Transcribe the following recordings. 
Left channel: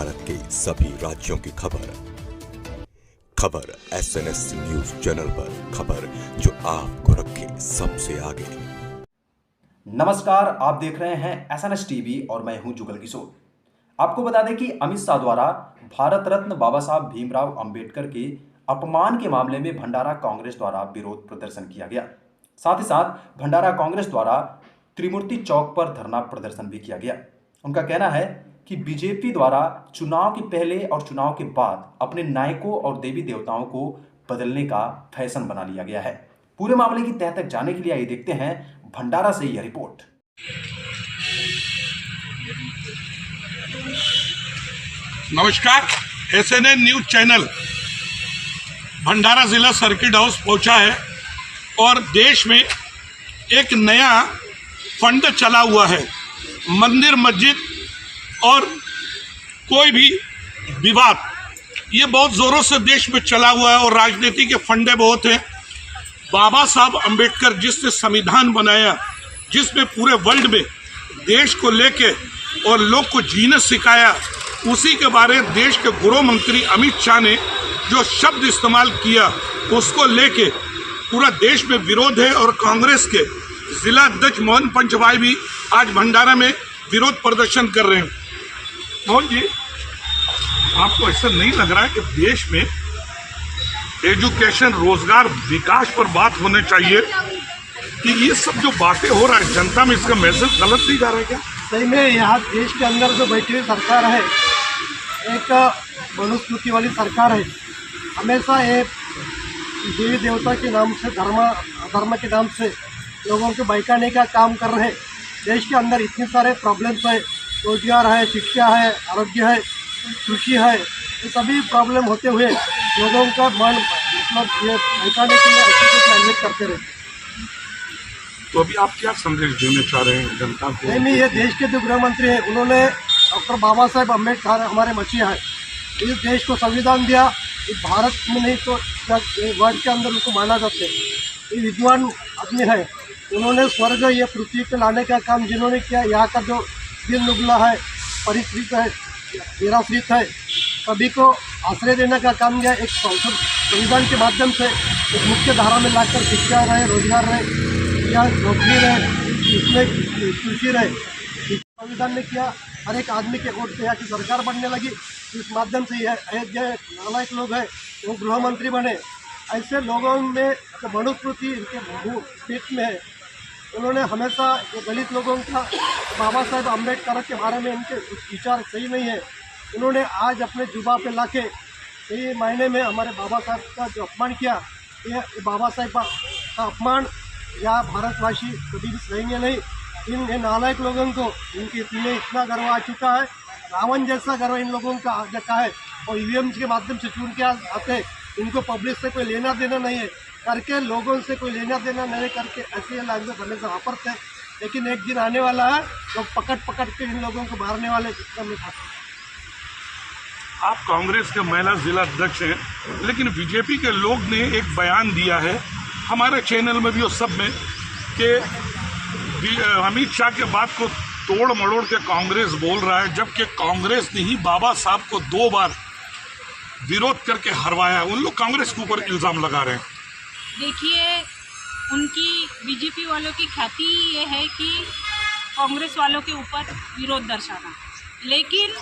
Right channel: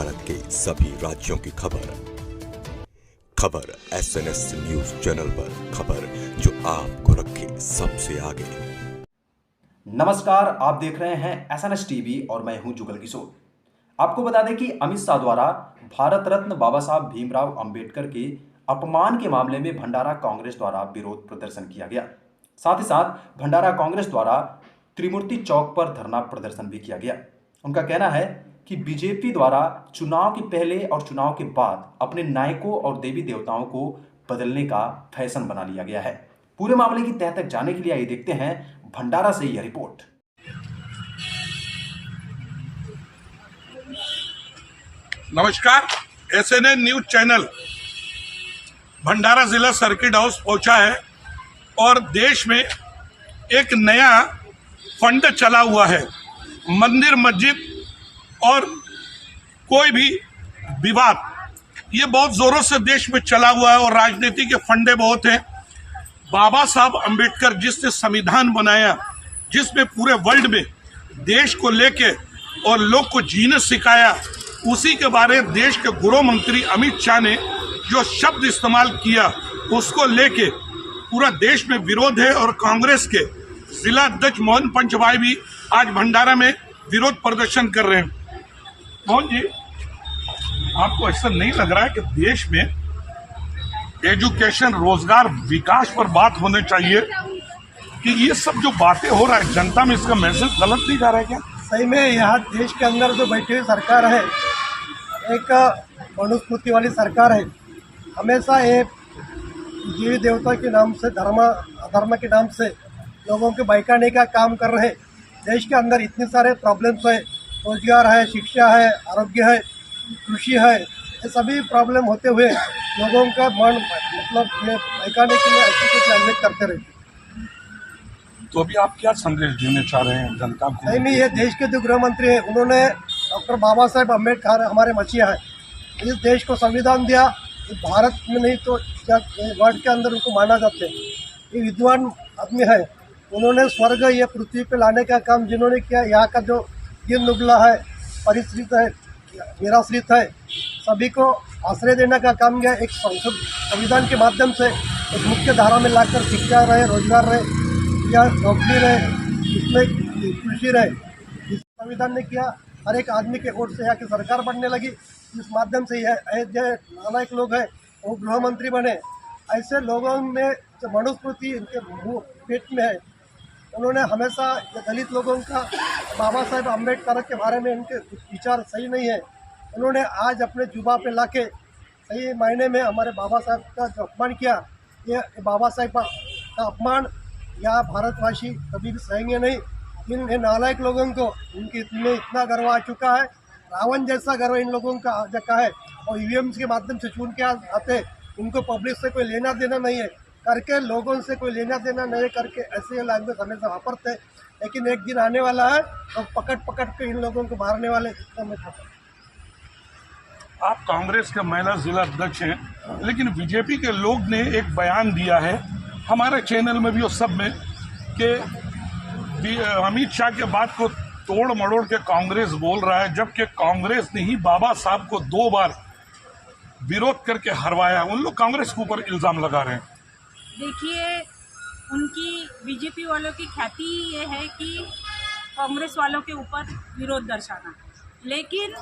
भारत के सभी राज्यों की खबर SNS न्यूज चैनल पर, खबर जो आपको रखे सबसे आगे। नमस्कार, आप देख रहे हैं SNS टीवी और मैं हूं जुगल किशोर। आपको बता दें कि अमित शाह द्वारा भारत रत्न बाबा साहब भीमराव अंबेडकर के अपमान के मामले में भंडारा कांग्रेस द्वारा विरोध प्रदर्शन किया गया। साथ ही साथ भंडारा कांग्रेस द्वारा त्रिमूर्ति चौक पर धरना प्रदर्शन भी किया गया। उनका कहना है कि बीजेपी द्वारा चुनाव के पहले और चुनाव के बाद अपने नायकों और देवी देवताओं को बदलने का फैशन बना लिया गया है। पूरे मामले की तह तक जाने के लिए आइए देखते हैं भंडारा से यह रिपोर्ट। नमस्कार, SNN न्यूज चैनल भंडारा जिला सर्किट हाउस पहुंचा है और देश में एक नया फंड चला हुआ है। मंदिर, मस्जिद और कोई भी विवाद, ये बहुत जोरों से देश में चला हुआ है और राजनीति के फंडे बहुत हैं। बाबा साहब अंबेडकर जिसने संविधान बनाया, जिसमें पूरे वर्ल्ड में देश को लेके और लोग को जीने सिखाया, उसी के बारे में देश के गृह मंत्री अमित शाह ने जो शब्द इस्तेमाल किया, उसको लेके पूरा देश में विरोध है। और कांग्रेस के जिला अध्यक्ष मोहन पंचभाई भी आज भंडारा में विरोध प्रदर्शन कर रहे हैं। मोहन जी, आपको ऐसा नहीं लग रहा है कि देश में एजुकेशन, रोजगार, विकास पर बात होने चाहिए कि ये सब जो बातें हो रहा है जनता में, इसका मैसेज गलत नहीं जा रहा है क्या? सही में यहाँ देश के अंदर जो बैठी हुई सरकार है, एक मनुस्मृति वाली सरकार है। हमेशा ये देवी देवता के नाम से, धर्म के नाम से लोगों को बहकाने का काम कर रहे हैं। देश के अंदर इतने सारे प्रॉब्लम्स है, रोजगार है, शिक्षा है, आरोग्य है, कृषि है, ये सभी प्रॉब्लम होते हुए लोगों का मन ये बहकाने के लिए ऐसे कुछ अनेक करते रहते। तो अभी आप क्या संदेश देना चाह रहे हैं जनता को? नहीं, मैं ये देश के जो गृह मंत्री हैं, उन्होंने डॉक्टर बाबा साहेब अम्बेडकर हमारे मसीहा है, इस देश को संविधान दिया। इस भारत में नहीं तो वर्ल्ड के अंदर उनको माना जाते हैं। ये विद्वान आदमी है, उन्होंने स्वर्ग ये पृथ्वी पे लाने का काम जिन्होंने किया, यहाँ का जो दिन नुबला है, परिश्रित है, निराश्रित है, सभी को आश्रय देने का काम किया। एक संविधान के माध्यम से एक मुख्य धारा में लाकर शिक्षा रहे, रोजगार रहे या नौकरी रहे, इसमें कृषि रहे, इस संविधान ने किया। हर एक आदमी के वोट से यहाँ की सरकार बनने लगी। इस माध्यम से यह जो नालायक लोग हैं वो गृह मंत्री बने। ऐसे लोगों में जो मनुस्मृति इनके पेट में है, उन्होंने हमेशा ये दलित लोगों का, बाबा साहेब अम्बेडकर के बारे में इनके विचार सही नहीं है। उन्होंने आज अपने जुबा पे लाके सही मायने में हमारे बाबा साहब का जो अपमान किया, ये बाबा साहेब का अपमान या भारतवासी कभी भी सहेंगे नहीं। इन नालायक लोगों को इनमें इतना गर्व आ चुका है, रावण जैसा गर्व इन लोगों का आ चुका है। और EVM के माध्यम से चुन के आते, इनको पब्लिक से कोई लेना देना नहीं है करके, लोगों से कोई लेना देना नहीं करके ऐसे लैंग्वेज हमेशा वापरते। लेकिन एक दिन आने वाला है, लोग पकड़ के इन लोगों को मारने वाले। जितना में आप कांग्रेस के महिला जिला अध्यक्ष हैं, लेकिन बीजेपी के लोग ने एक बयान दिया है हमारे चैनल में भी और सब में कि अमित शाह के बात को तोड़ मड़ोड़ के कांग्रेस बोल रहा है, जबकि कांग्रेस ने ही बाबा साहब को 2 बार विरोध करके हरवाया। उन लोग कांग्रेस के ऊपर इल्ज़ाम लगा रहे हैं। देखिए, उनकी बीजेपी वालों की ख्याति ये है कि कांग्रेस वालों के ऊपर विरोध दर्शाना, लेकिन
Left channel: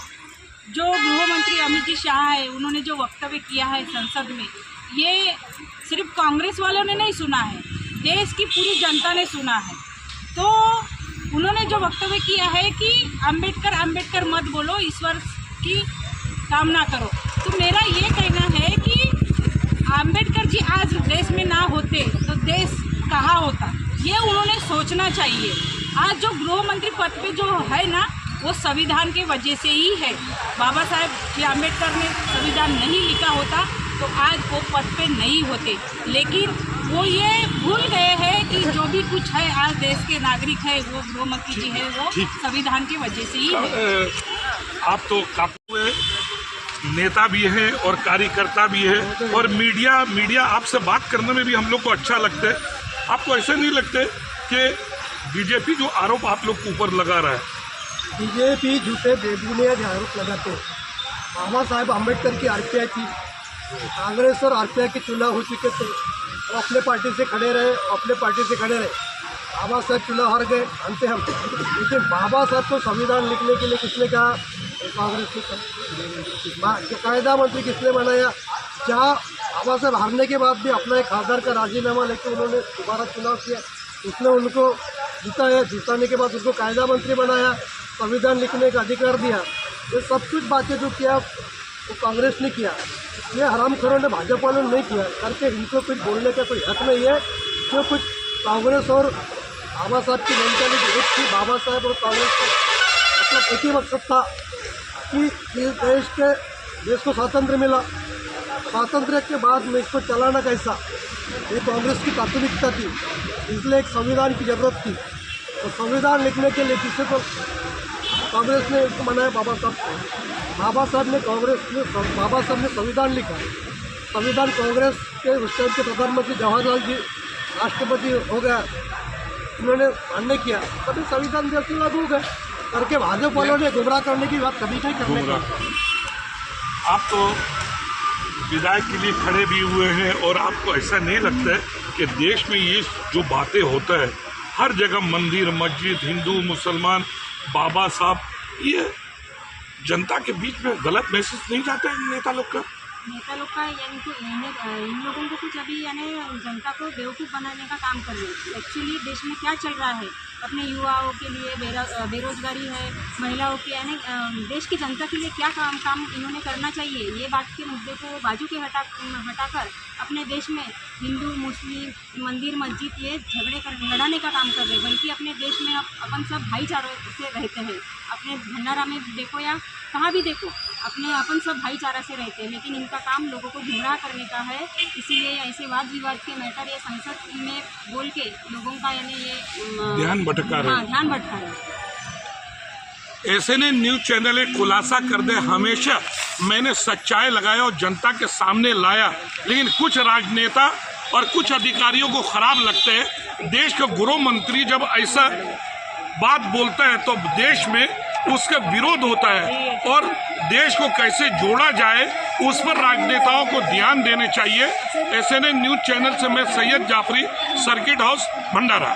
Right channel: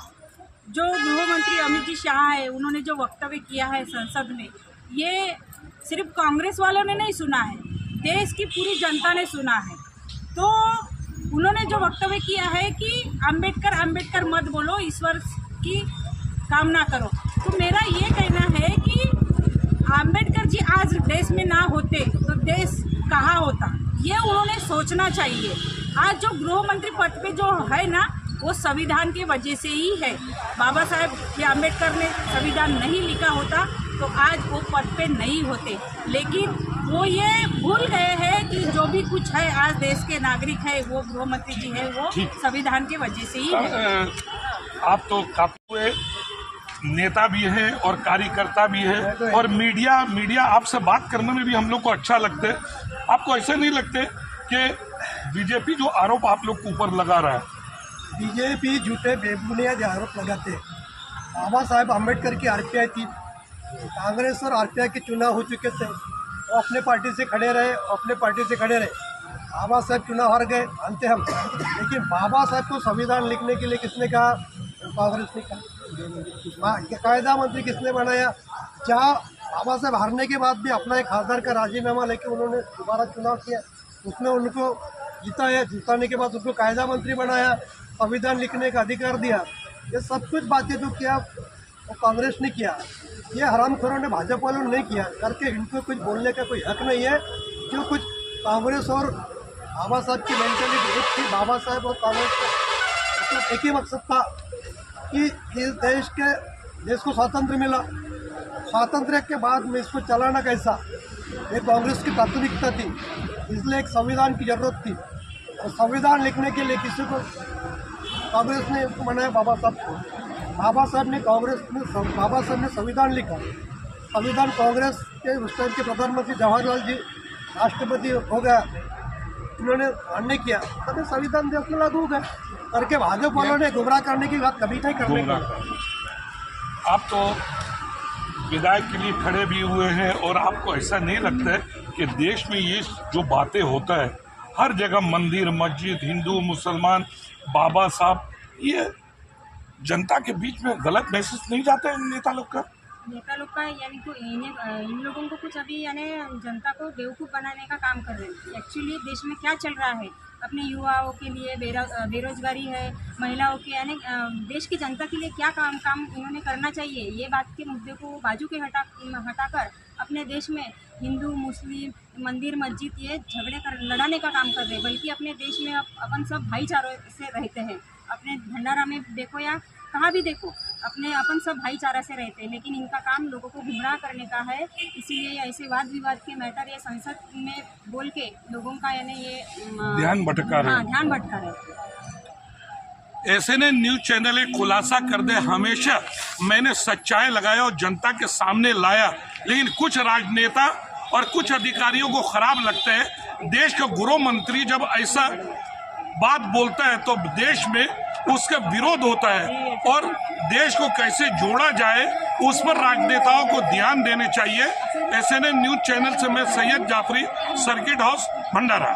जो गृह मंत्री अमित जी शाह है, उन्होंने जो वक्तव्य किया है संसद में, ये सिर्फ कांग्रेस वालों ने नहीं सुना है, देश की पूरी जनता ने सुना है। तो उन्होंने जो वक्तव्य किया है कि अंबेडकर मत बोलो, ईश्वर की कामना करो। तो मेरा ये कहना है कि अंबेडकर जी आज देश में ना होते तो देश कहाँ होता, ये उन्होंने सोचना चाहिए। आज जो गृह मंत्री पद पे जो है ना, वो संविधान की वजह से ही है। बाबा साहेब या अम्बेडकर ने संविधान नहीं लिखा होता तो आज वो पद पे नहीं होते। लेकिन वो ये भूल गए हैं कि जो भी कुछ है आज देश के नागरिक है, वो गृह मंत्री जी है, वो संविधान की वजह से ही है। आप तो काफी नेता भी है और कार्यकर्ता भी है, और मीडिया आपसे बात करने में भी हम लोग को अच्छा लगता है। आपको ऐसे नहीं लगते कि बीजेपी जो आरोप आप लोग के ऊपर लगा रहा है, बीजेपी झूठे बेबुनियाद आरोप लगाते हैं। बाबा साहेब अम्बेडकर की आरपीआई थी, कांग्रेस और आरपीआई के चुनाव हो चुके थे, वो अपने पार्टी से खड़े रहे, अपने पार्टी से खड़े रहे। बाबा साहेब चुनाव हार गए, मानते हम, लेकिन बाबा साहब को संविधान लिखने के लिए किसने कहा? कांग्रेस ने कहा। कायदा मंत्री किसने बनाया? जहाँ बाबा साहब हारने के बाद भी अपना एक खासदार का राजीनामा लेके उन्होंने दोबारा चुनाव किया, उसने उनको जिताया, जिताने के बाद उनको कायदा मंत्री बनाया, संविधान लिखने का अधिकार दिया। ये सब कुछ बातें जो किया वो कांग्रेस ने किया, ये हरामखोरों ने, भाजपा वालों ने नहीं किया करके इनको कुछ बोलने का कोई हक नहीं है। जो कुछ कांग्रेस और बाबा साहब की मेंटालिटी एक थी, बाबा साहब और कांग्रेस का मतलब एक ही मकसद था कि इस देश को स्वातंत्र्य मिला, स्वातंत्र्य के बाद में इसको चलाना कैसा, ये कांग्रेस की प्राथमिकता थी। इसलिए एक संविधान की ज़रूरत थी, और संविधान लिखने के लिए किसी को कांग्रेस ने इसको बनाया बाबा साहब को। बाबा साहब ने संविधान लिखा। संविधान कांग्रेस के उस टाइम के प्रधानमंत्री जवाहरलाल जी राष्ट्रपति हो गया, उन्होंने मान्य किया, तभी संविधान देश में लागू हो गया करके भाजपा वालों ने गुमराह करने की बात कभी नहीं करने का। आप तो विधायक के लिए खड़े भी हुए हैं, और आपको ऐसा नहीं लगता है कि देश में ये जो बातें होता है, हर जगह मंदिर मस्जिद, हिंदू मुसलमान, बाबा साहब, ये जनता के बीच में गलत मैसेज नहीं जाता है नेता लोग का? यानी कि इन लोगों को कुछ अभी यानी जनता को बेवकूफ़ बनाने का काम कर रहे हैं। एक्चुअली देश में क्या चल रहा है, अपने युवाओं के लिए बेरोजगारी है, महिलाओं के, यानी देश की जनता के लिए क्या काम इन्होंने करना चाहिए, ये बात के मुद्दे को बाजू के हटाकर अपने देश में हिंदू मुस्लिम मंदिर मस्जिद ये लड़ाने का काम कर रहे हैं। बल्कि अपने देश में अपन सब भाईचारे से रहते हैं। अपने भंडारा में देखो या कहाँ भी देखो, अपन सब भाईचारा से रहते हैं, लेकिन इनका काम लोगों को गुमराह करने का है। इसीलिए ऐसे वाद विवाद के मैटर ये संसद में बोल के लोगों का यानी ये ध्यान भटका रहे हैं। ध्यान भटका रहे हैं। एसएनएन न्यूज चैनल एक खुलासा कर दे, हमेशा मैंने सच्चाई लगाया और जनता के सामने लाया, लेकिन कुछ राजनेता और कुछ अधिकारियों को खराब लगता है। देश के गृह मंत्री जब ऐसा बात बोलता है तो देश में उसका विरोध होता है, और देश को कैसे जोड़ा जाए उस पर राजनेताओं को ध्यान देने चाहिए। एसएनएन न्यूज चैनल से मैं सैयद जाफरी, सर्किट हाउस, भंडारा।